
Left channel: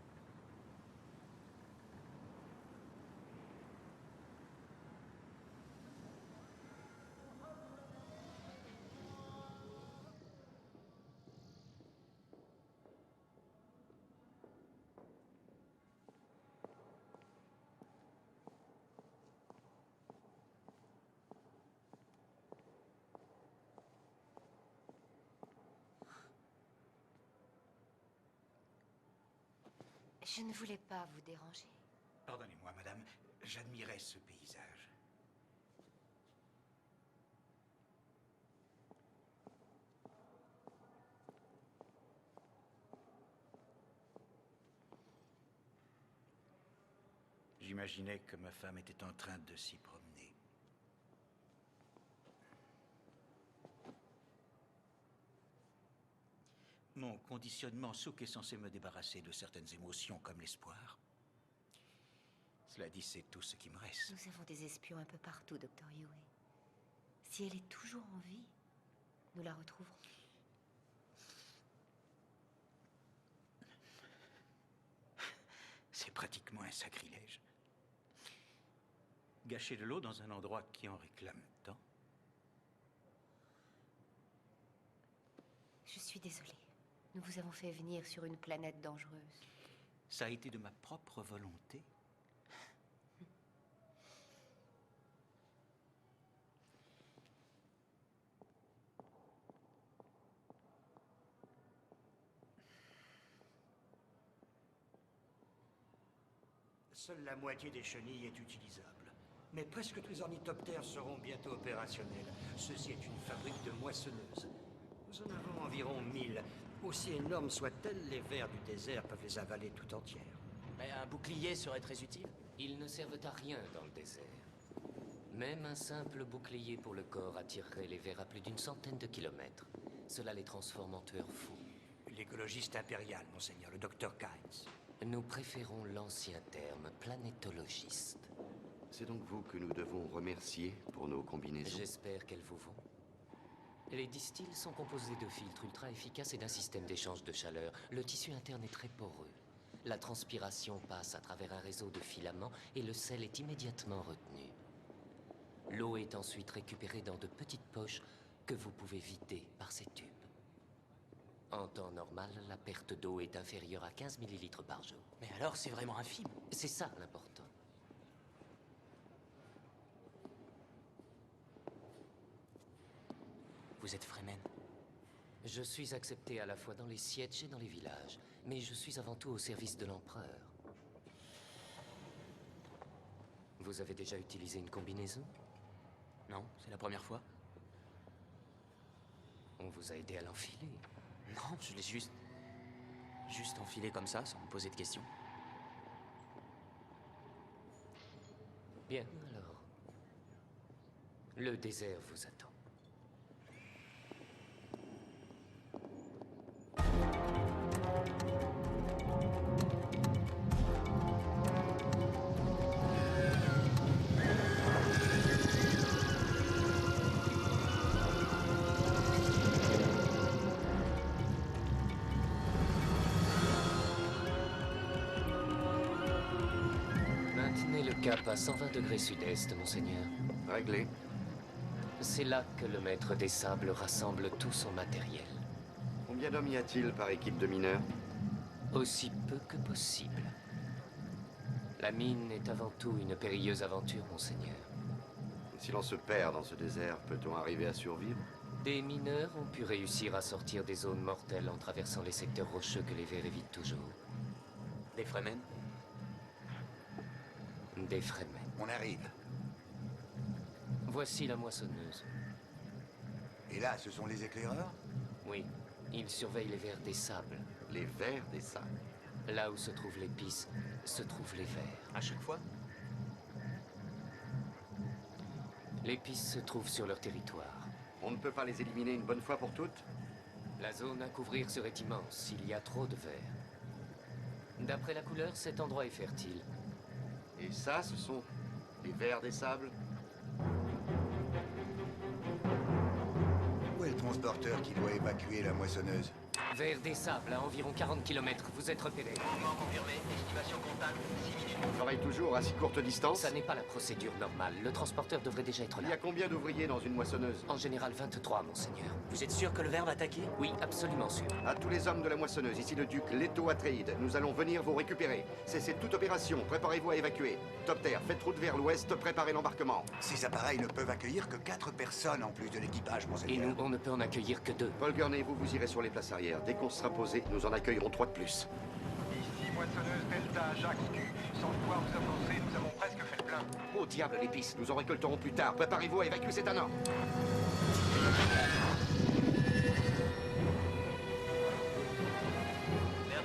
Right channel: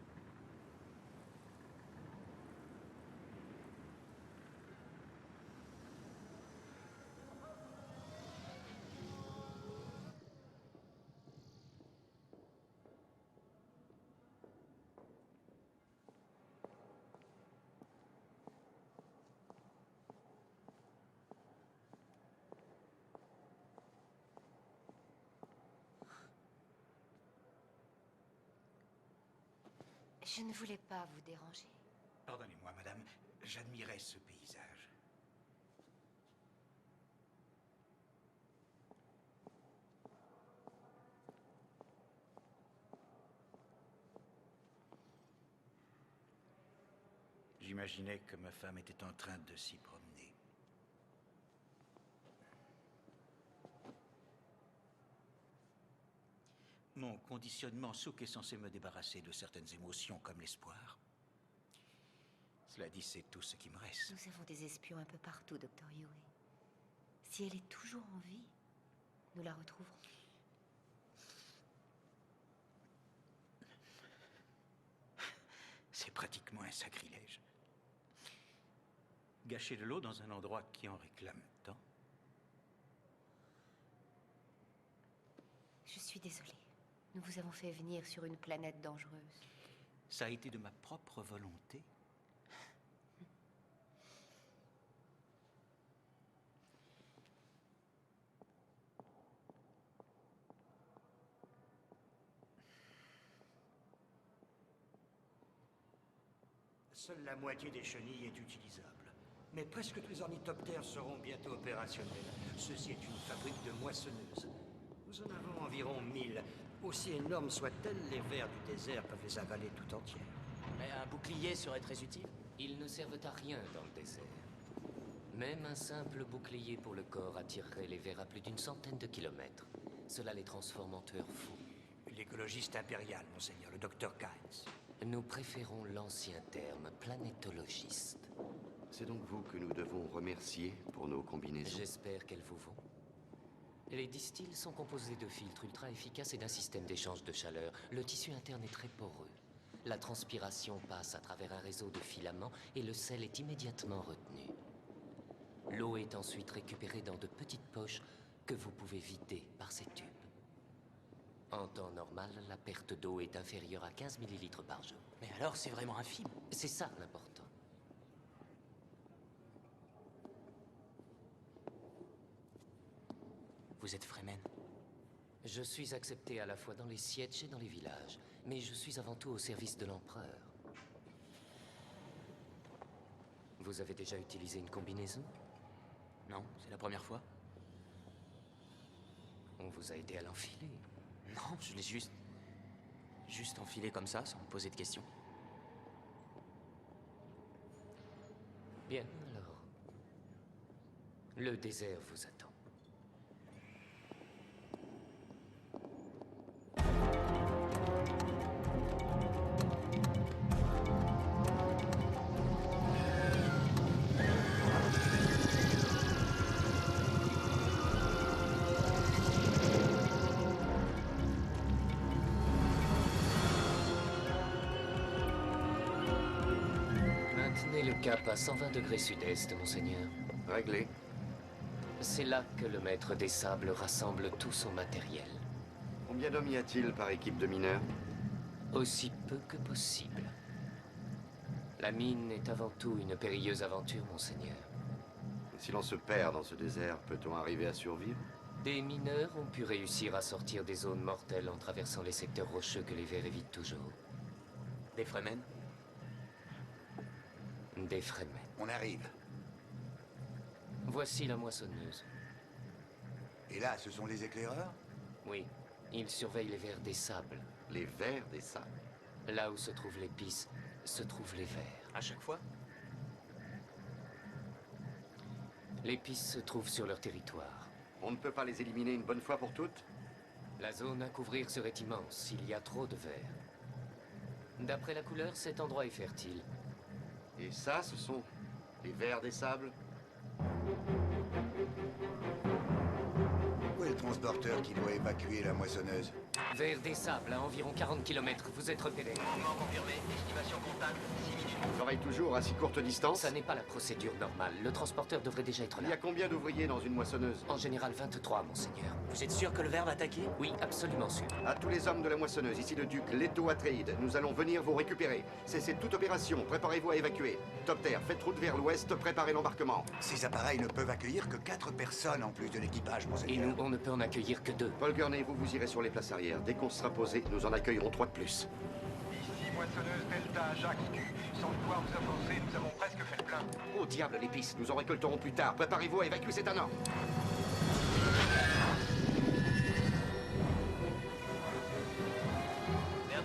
Je ne voulais pas vous déranger. Pardonnez-moi, madame, j'admirais ce paysage. J'imaginais que ma femme était en train de s'y promener. Mon conditionnement souk est censé me débarrasser de certaines émotions comme l'espoir. Cela dit, c'est tout ce qui me reste. Nous avons des espions un peu partout, Dr. Yue. Si elle est toujours en vie, nous la retrouverons. C'est pratiquement un sacrilège. Gâcher de l'eau dans un endroit qui en réclame tant. Je suis désolée. Nous vous avons fait venir sur une planète dangereuse. Ça a été de ma propre volonté. Seule la moitié des chenilles est utilisable. Mais presque tous les ornithoptères seront bientôt opérationnels. Ceci est une fabrique de moissonneuses. Nous en avons environ 1000. Aussi énormes soient-elles, les vers du désert peuvent les avaler tout entières. Mais un bouclier serait très utile. Ils ne servent à rien dans le désert. Même un simple bouclier pour le corps attirerait les vers à plus d'une centaine de kilomètres. Cela les transforme en tueurs fous. L'écologiste impérial, monseigneur, le docteur Kynes. Nous préférons l'ancien terme, planétologiste. C'est donc vous que nous devons remercier pour nos combinaisons. J'espère qu'elles vous vont. Les distils sont composés de filtres ultra efficaces et d'un système d'échange de chaleur. Le tissu interne est très poreux. La transpiration passe à travers un réseau de filaments et le sel est immédiatement retenu. L'eau est ensuite récupérée dans de petites poches que vous pouvez vider par ces tubes. En temps normal, la perte d'eau est inférieure à 15 millilitres par jour. Mais alors, c'est vraiment infime. C'est ça l'important. Vous êtes Fremen. Je suis accepté à la fois dans les sièges et dans les villages, mais je suis avant tout au service de l'empereur. Vous avez déjà utilisé une combinaison? Non, c'est la première fois. On vous a aidé à l'enfiler? Non, je l'ai juste enfilé comme ça, sans me poser de questions. Bien, alors. Le désert vous attend. Maintenez le cap à 120 degrés sud-est, monseigneur. Réglé. C'est là que le maître des sables rassemble tout son matériel. Combien d'hommes y a-t-il par équipe de mineurs? Aussi peu que possible. La mine est avant tout une périlleuse aventure, monseigneur. Et si l'on se perd dans ce désert, peut-on arriver à survivre? Des mineurs ont pu réussir à sortir des zones mortelles en traversant les secteurs rocheux que les vers évitent toujours. Des Fremen? Des Fremen. On arrive. Voici la moissonneuse. Et là, ce sont les éclaireurs? Oui, ils surveillent les vers des sables. Les vers des sables? Là où se trouvent l'épice, se trouvent les vers. À chaque fois? L'épice se trouve sur leur territoire. On ne peut pas les éliminer une bonne fois pour toutes? La zone à couvrir serait immense, il y a trop de vers. D'après la couleur, cet endroit est fertile. Et ça, ce sont les vers des sables? Où est le transporteur qui doit évacuer la moissonneuse? Vers des sables, à environ 40 km, vous êtes repéré. Mouvement confirmé, estimation comptable, 6 minutes. On travaille toujours à si courte distance? Ça n'est pas la procédure normale. Le transporteur devrait déjà être là. Il y a combien d'ouvriers dans une moissonneuse? En général, 23, monseigneur. Vous êtes sûr que le ver va attaquer? Oui, absolument sûr. À tous les hommes de la moissonneuse, ici le duc Leto Atréide, nous allons venir vous récupérer. Cessez toute opération, préparez-vous à évacuer. Topter, faites route vers l'ouest, préparez l'embarquement. Ces appareils ne peuvent accueillir que 4 personnes en plus de l'équipage, Et monseigneur. nous, on ne peut en accueillir que 2. Paul Gurney, vous irez sur les places arrière. Dès qu'on sera posé, nous en accueillerons 3 de plus. Ici moissonneuse Delta, Jacques Q. Sans pouvoir vous offenser, nous avons presque fait le plein. Oh diable, l'épice, nous en récolterons plus tard. Préparez-vous à évacuer cet anneau. Vers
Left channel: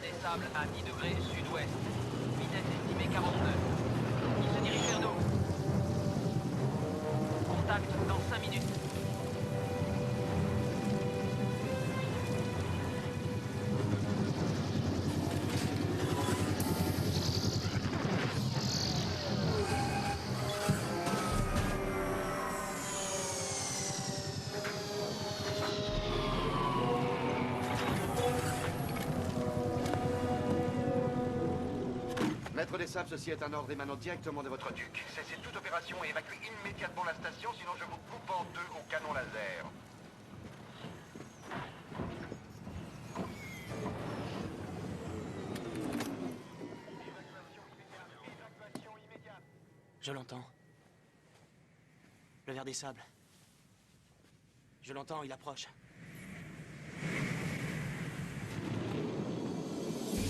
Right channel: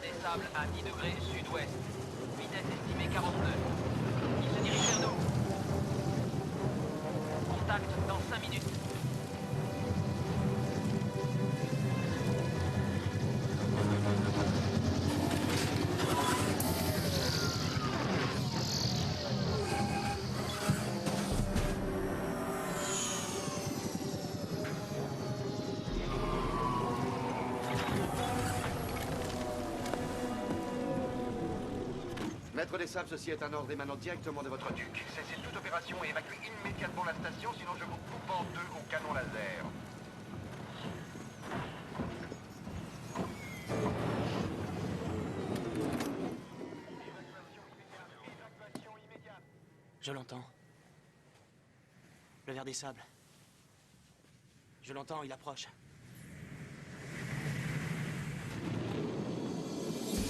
des sables à 10 degrés sud-ouest. Vitesse estimée 42. Il se dirige vers nous. Contact dans 5 minutes. Maître des sables, ceci est un ordre émanant directement de votre duc. Cessez toute opération et évacuez immédiatement la station, sinon je vous coupe en deux au canon laser. Je l'entends. Le ver des sables. Je l'entends, il approche.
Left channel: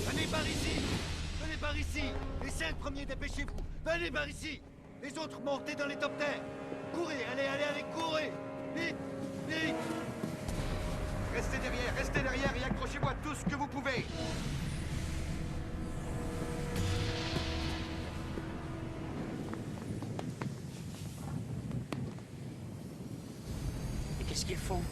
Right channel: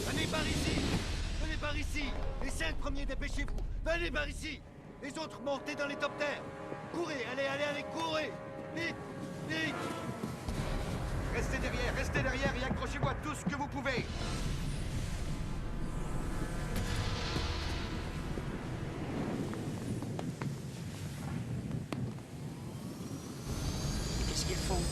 Venez par ici! Venez par ici! Les 5 premiers, dépêchez-vous! Venez par ici! Les autres, montez dans les topters! Courez, allez, courez! Vite! Vite! Restez derrière et accrochez-vous à tout ce que vous pouvez! Et qu'est-ce qu'ils font?